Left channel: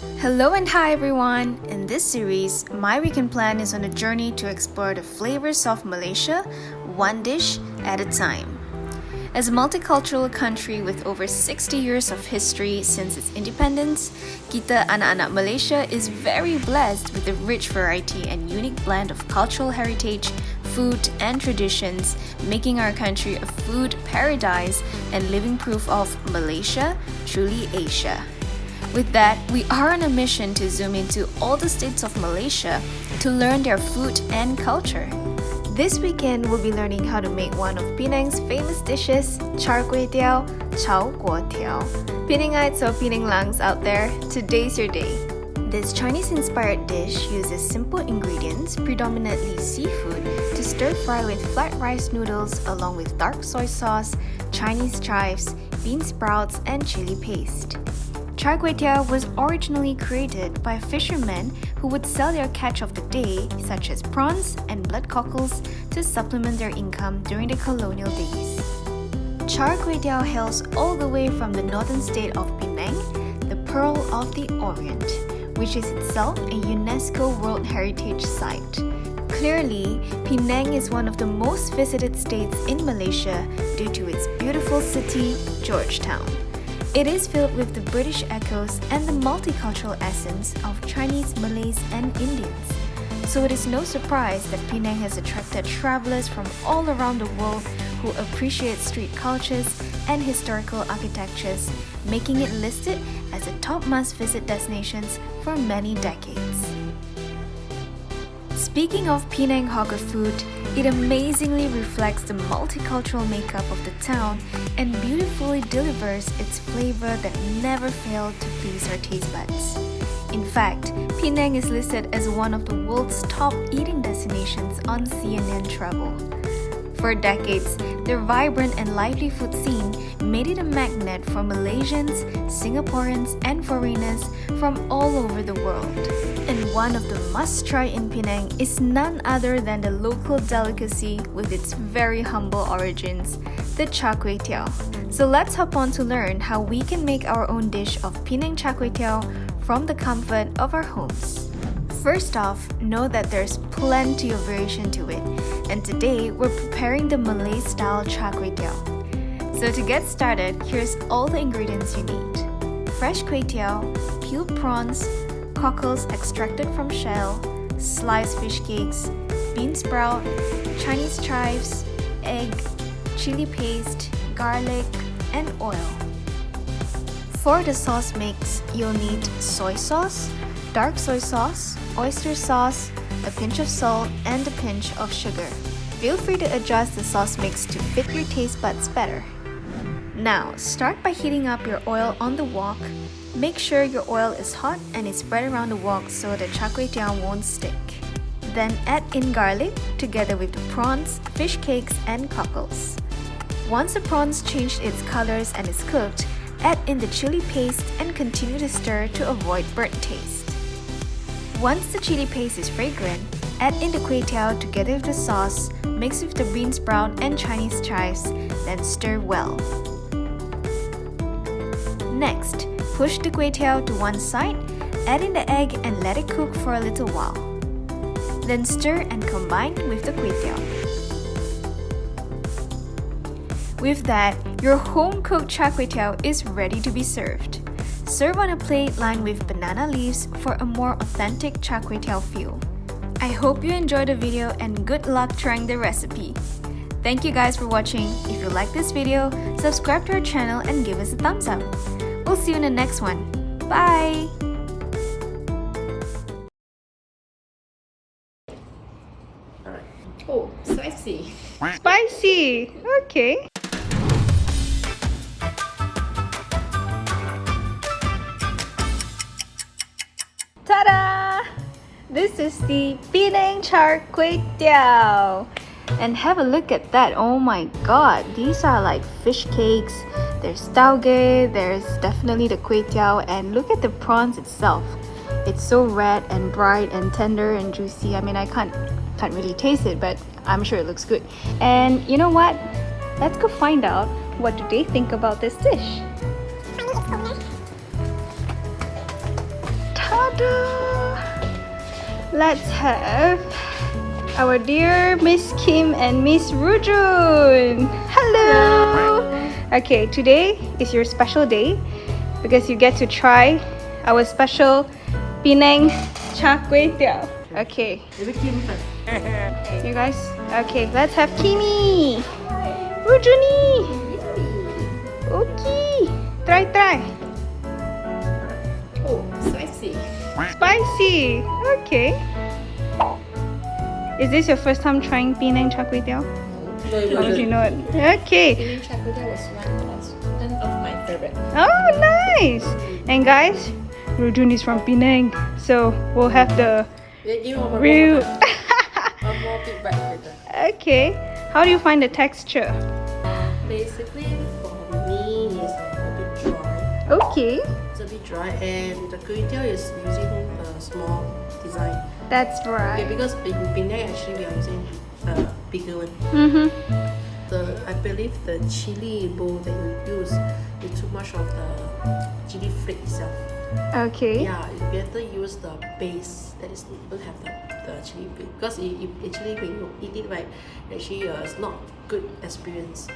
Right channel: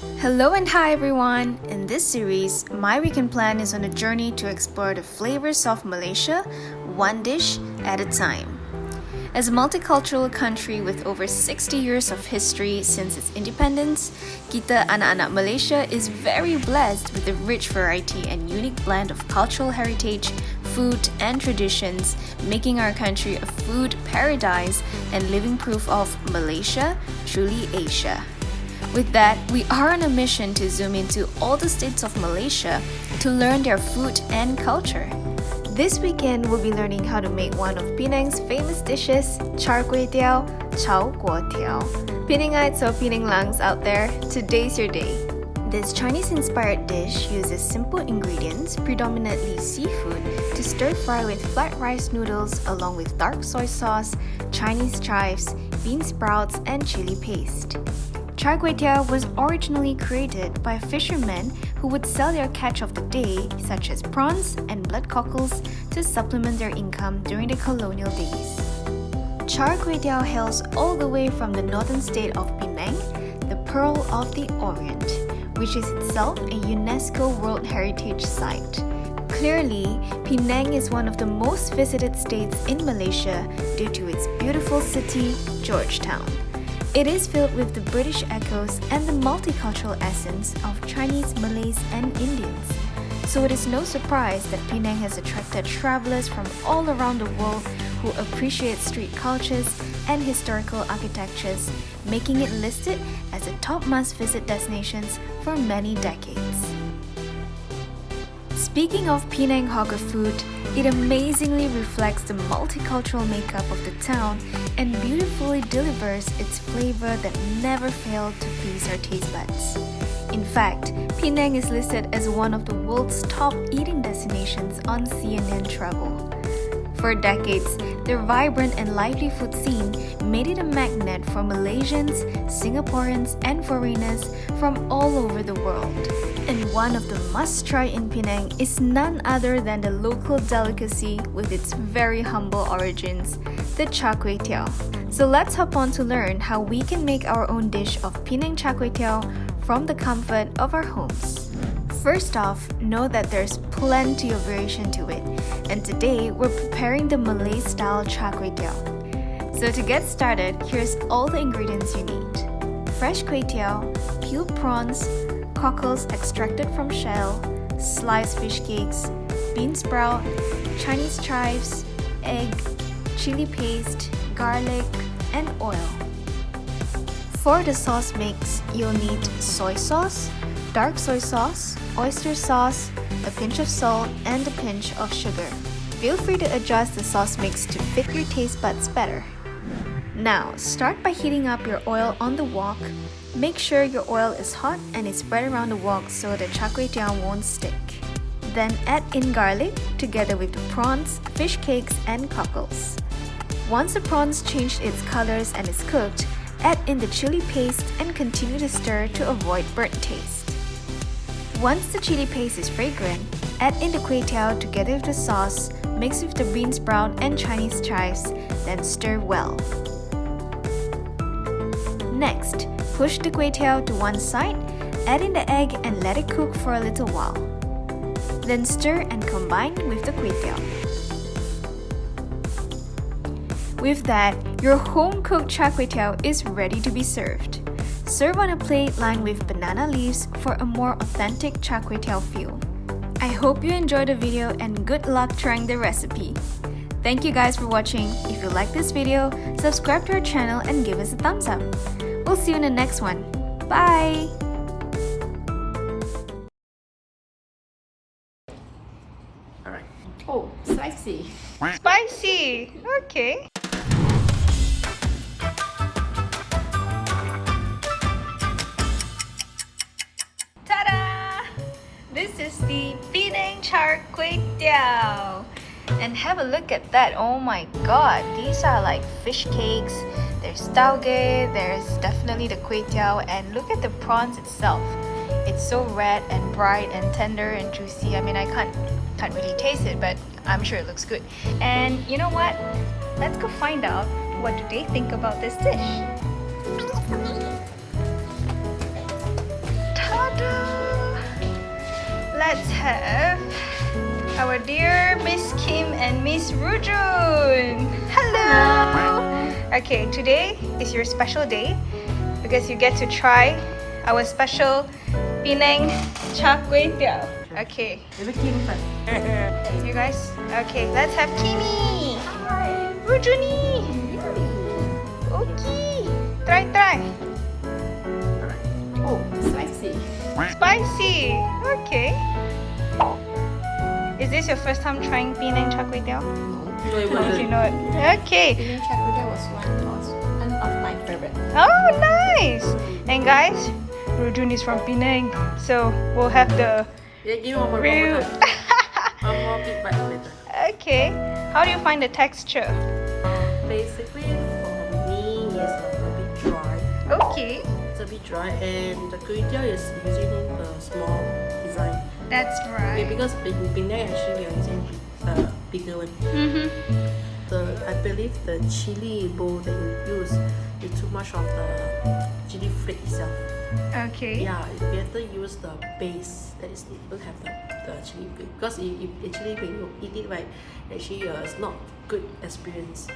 Hello and hi everyone! In this series, my weekend plan is on a journey to explore the flavors of Malaysia, one dish at a time. As a multicultural country with over 60 years of history since its independence, kita anak-anak Malaysia is very blessed with a rich variety and unique blend of cultural heritage, food and traditions, making our country a food paradise and living proof of Malaysia, truly Asia. With that, we are on a mission to zoom into all the states of Malaysia to learn their food and culture. This weekend, we'll be learning how to make one of Penang's famous dishes, Char Kuey Teow, Kuey Teow. Penangites or Penanglangs out there, today's your day. This Chinese-inspired dish uses simple ingredients, predominantly seafood, to stir-fry with flat rice noodles along with dark soy sauce, Chinese chives, bean sprouts, and chilli paste. Char Kuey Teow was originally created by fishermen who would sell their catch of the day, such as prawns and blood cockles, to supplement their income during the colonial days. Char Kuey Teow hails all the way from the northern state of Penang, the Pearl of the Orient, which is itself a UNESCO World Heritage Site. Clearly, Penang is one of the most visited states in Malaysia due to its beautiful city, Georgetown. It is filled with the British echoes and the multicultural essence of Chinese, Malays, and Indians. So it is no surprise that Penang has attracted travelers from all around the world who appreciate street cultures and historical architectures, making it listed as a top must-visit destinations for many decades. Speaking of Penang hawker food, it amazingly reflects the multicultural makeup of the town and beautifully delivers its flavor that never failed to please our taste buds. In fact, Penang is listed as one of the world's top eating destinations on CNN Travel. For decades, their vibrant and lively food scene made it a magnet for Malaysians, Singaporeans, and foreigners from all over the world. And one of the must-try in Penang is none other than the local delicacy with its very humble origins, the Char Kuey Teow. So let's hop on to learn how we can make our own dish of Penang Char Kuey Teow from the comfort of our homes. First off, know that there's plenty of variation to it, and today we're preparing the Malay-style Char Kuey Teow. So to get started, here's all the ingredients you need. Fresh kuey teow, peeled prawns, cockles extracted from shell, sliced fish cakes, bean sprout, Chinese chives, egg, chili paste, garlic, and oil. For the sauce mix, you'll need soy sauce, dark soy sauce, oyster sauce, a pinch of salt, and a pinch of sugar. Feel free to adjust the sauce mix to fit your taste buds better. Now, start by heating up your oil on the wok. Make sure your oil is hot and is spread around the wok so the Char Kuey Teow won't stick. Then add in garlic together with the prawns, fish cakes, and cockles. Once the prawns changed its colors and is cooked, add in the chili paste and continue to stir to avoid burnt taste. Once the chili paste is fragrant, add in the kuey teow together with the sauce, mix with the bean sprout and Chinese chives, then stir well. Next, push the kuey teow to one side, add in the egg and let it cook for a little while. Then stir and combine with the kuey teow. With that, your home-cooked Char Kuey Teow is ready to be served. Serve on a plate lined with banana leaves for a more authentic Char Kuey Teow feel. I hope you enjoyed the video and good luck trying the recipe. Thank you guys for watching. If you like this video, subscribe to our channel and give us a thumbs up. We'll see you in the next one. Bye! Alright. Oh, spicy. Spicy! Okay. Ta-da! This is the Penang Char Kuey Teow. And have a look at that. Oh my god, these are like fish cakes. There's tauge, there's definitely the kuey teow, and look at the prawns itself. It's so red and bright and tender and juicy. I mean, I can't really taste it, but I'm sure it looks good. And you know what? Let's go find out what do they think about this dish. let's have our dear Miss Kim and Miss Rujun. Hello. Okay, today is your special day because you get to try our special Penang Char Kuey Teow. Okay. Okay guys. Okay, let's have Kimi. Rujuni. Okay. Try. Oh, spicy. Spicy. Okay. Is this your first time trying Penang Char Kuey Teow? No, it wasn't. Okay. Penang Char Kuey Teow was one of my favorite. Oh, nice. And guys, Rujun is from Penang, so we'll have the Yeah, give me one more real. time. One more feedback later. Okay. How do you find the texture? Basically, for me, it's a bit dry. Okay. It's a bit dry, and the Kuey Teow is using the small design. That's Okay, right. because in Penang actually we are using bigger one. Mm-hmm. I believe the chili bowl that you use is too much of the chili flake itself. Okay. Yeah, it's better use the base that is don't have the chili flake, because it actually when you eat it right, actually it's not good experience.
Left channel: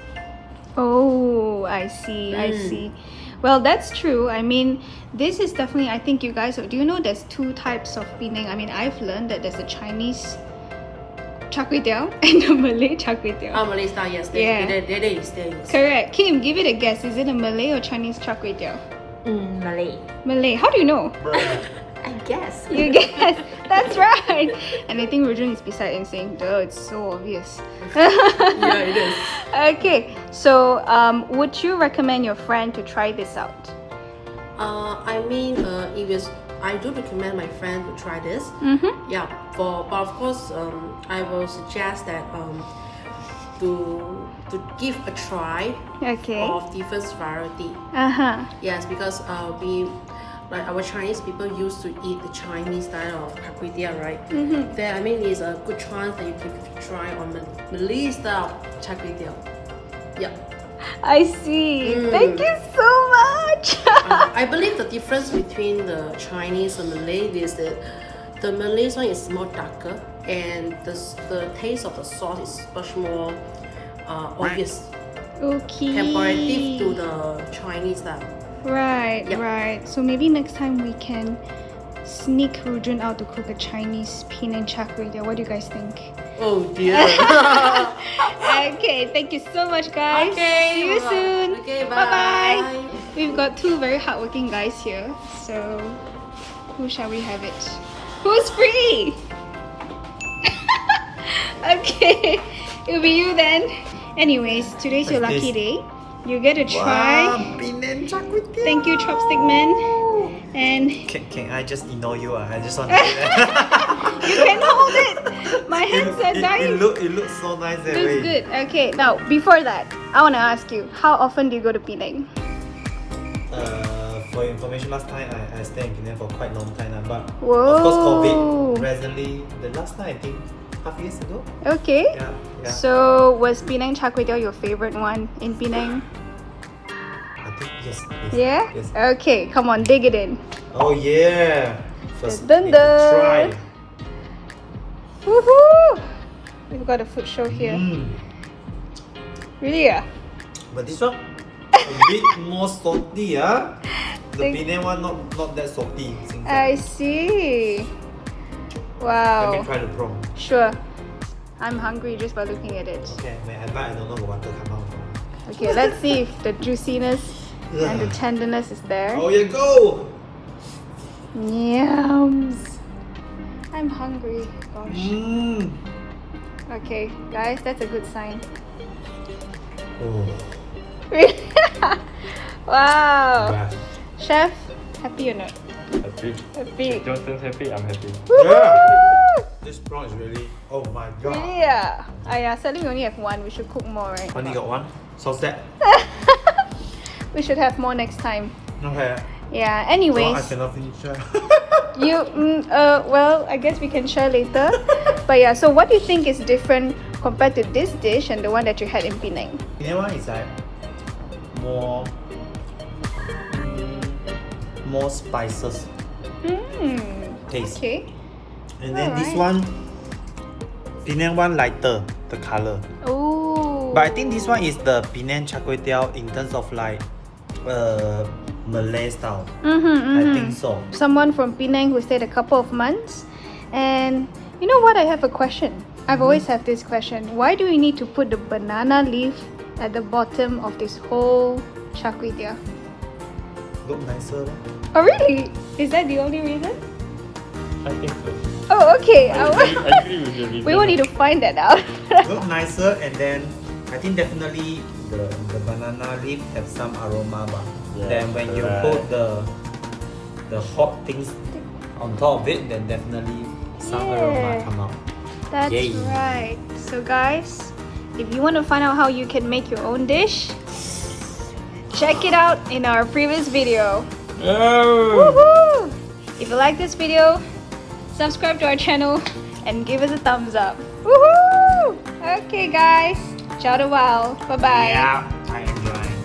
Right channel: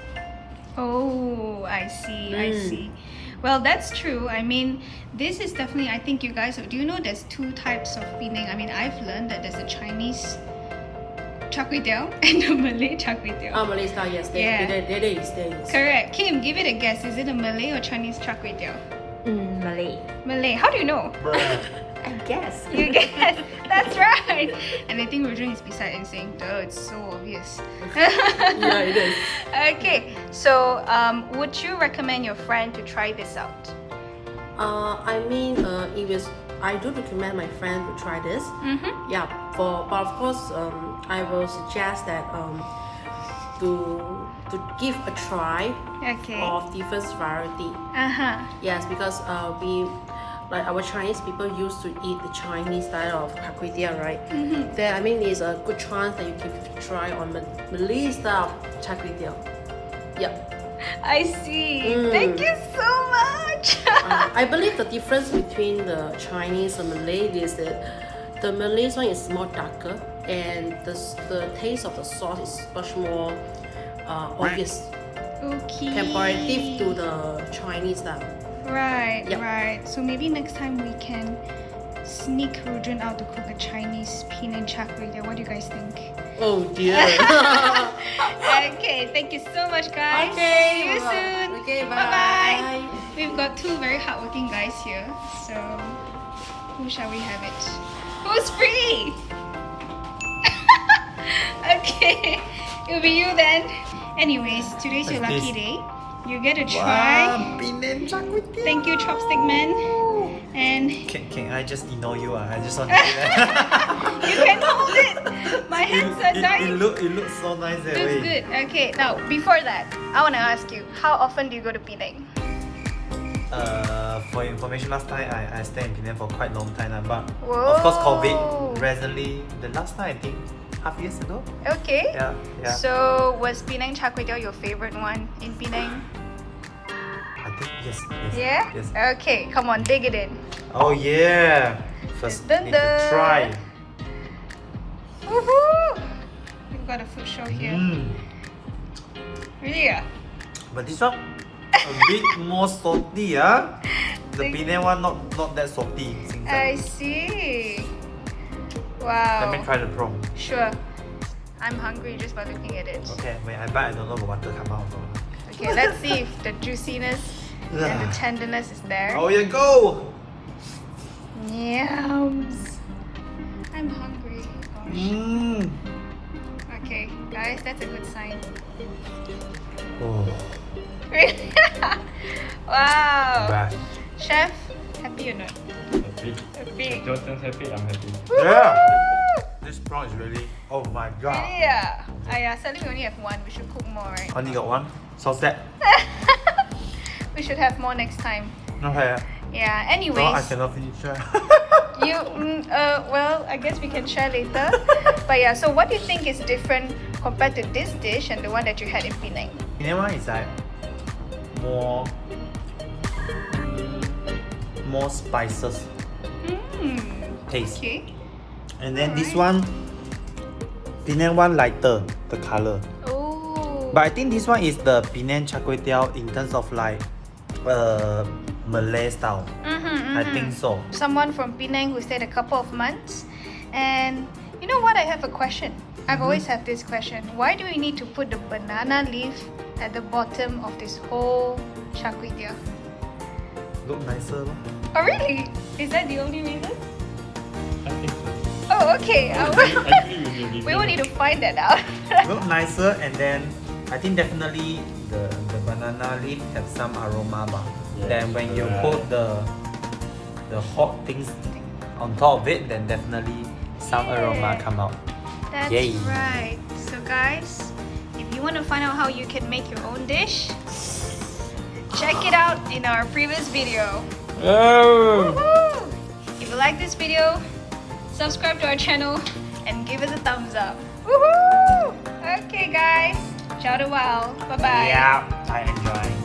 Oh, I see. I see. Well, that's true. I mean, this is definitely. I think you guys. Do you know there's two types of Penang? I mean, I've learned that there's a Chinese Char Kway Teow and a Malay Char Kway Teow. Malay style, yes, Yeah. there is. Correct. Kim, give it a guess. Is it a Malay or Chinese Char Kway Teow? Malay. Malay. How do you know? I guess. You guess. That's right. And I think Rujun is beside and saying, duh, it's so obvious. Yeah, it is. Okay. So, would you recommend your friend to try this out? I do recommend my friend to try this. Mm-hmm. Yeah, but of course, I will suggest that to give a try Okay. of different variety. Uh-huh. Yes, because we like our Chinese people used to eat the Chinese style of Char Kway Teow, right? Mm-hmm. Then it's a good chance that you can try on Malay style Char Kway Teow. Yeah. I see. Thank you so much. I believe the difference between the Chinese and Malay is that the Malay one is more darker, and the taste of the sauce is much more obvious Okay. comparative to the Chinese style. Right, Yep. right. So maybe next time we can sneak Rujun out to cook a Chinese Penang Char Kway Teow. What do you guys think? Oh dear. Okay, thank you so much, guys. Okay, See you well, soon. okay, Bye-bye. bye. We've got two very hardworking guys here. So, who shall we have it? Who's free? Okay, it'll be you then. Anyways, today's your lucky day. You get to try. Penang Char Kway Teow. Thank you, Chopstick Man. And Can I just ignore you? I just want to do that. you can hold it. My hands are dying. It looks so nice that Looks way. good. Okay, now before that, I want to ask you, how often do you go to Penang? For your information, last time I stayed in Penang for quite a long time now, but Whoa. of course COVID recently, the last time I think half years ago. Okay. Yeah. So was Penang Char Kway Teow your favorite one in Penang? I think yes. Yeah? Yes. Okay, come on, dig it in. Oh yeah. First Dun, need to dun. try. Woohoo! We've got a food show here. Really? Yeah? But this one a bit more salty, ah. The Think- Penang one not that salty. I see. Wow. Let me try the prawn. Sure. I'm hungry just by looking at it. Okay, when I bite, I don't know what water come out from. Okay, let's see if the juiciness and the tenderness is there. Oh yeah, go! Yums. I'm hungry. Gosh. Mmm. Okay, guys, that's a good sign. Oh, Really? Wow. bad. Chef, happy or not? Happy. Happy. Don't happy, I'm happy. Yeah. This prawn is really. Oh my god. Really? Yeah. Yeah, sadly we only have one. We should cook more, right? Only got one. So sad. We should have more next time. Okay. Yeah. No, I Anyways, cannot finish. well, I guess we can share later. But yeah, so what do you think is different compared to this dish and the one that you had in Penang? Penang one is like more spices Hmm. taste, Okay. And then this Alright. one, Penang one lighter, the color. Oh. But I think this one is the Penang Char Kway Teow in terms of like Malay style. I think so. Someone from Penang who stayed a couple of months. And you know what? I have a question. I've always had this question. Why do we need to put the banana leaf at the bottom of this whole char kway teow? Look nicer. Oh really? Is that the only reason? I think so. Oh okay. I agree with your reason. We want you to find that out. Look nicer, and then I think definitely the banana leaf have some aroma. But Yes, then when you correct. put the hot things on top of it, then definitely some aroma Yeah. come out. That's Yay. right. So guys, if you want to find out how you can make your own dish, check it out in our previous video. Oh! Woohoo! If you like this video, subscribe to our channel and give us a thumbs up. Woohoo! Okay guys, ciao a while. Bye bye. Yeah, I enjoy.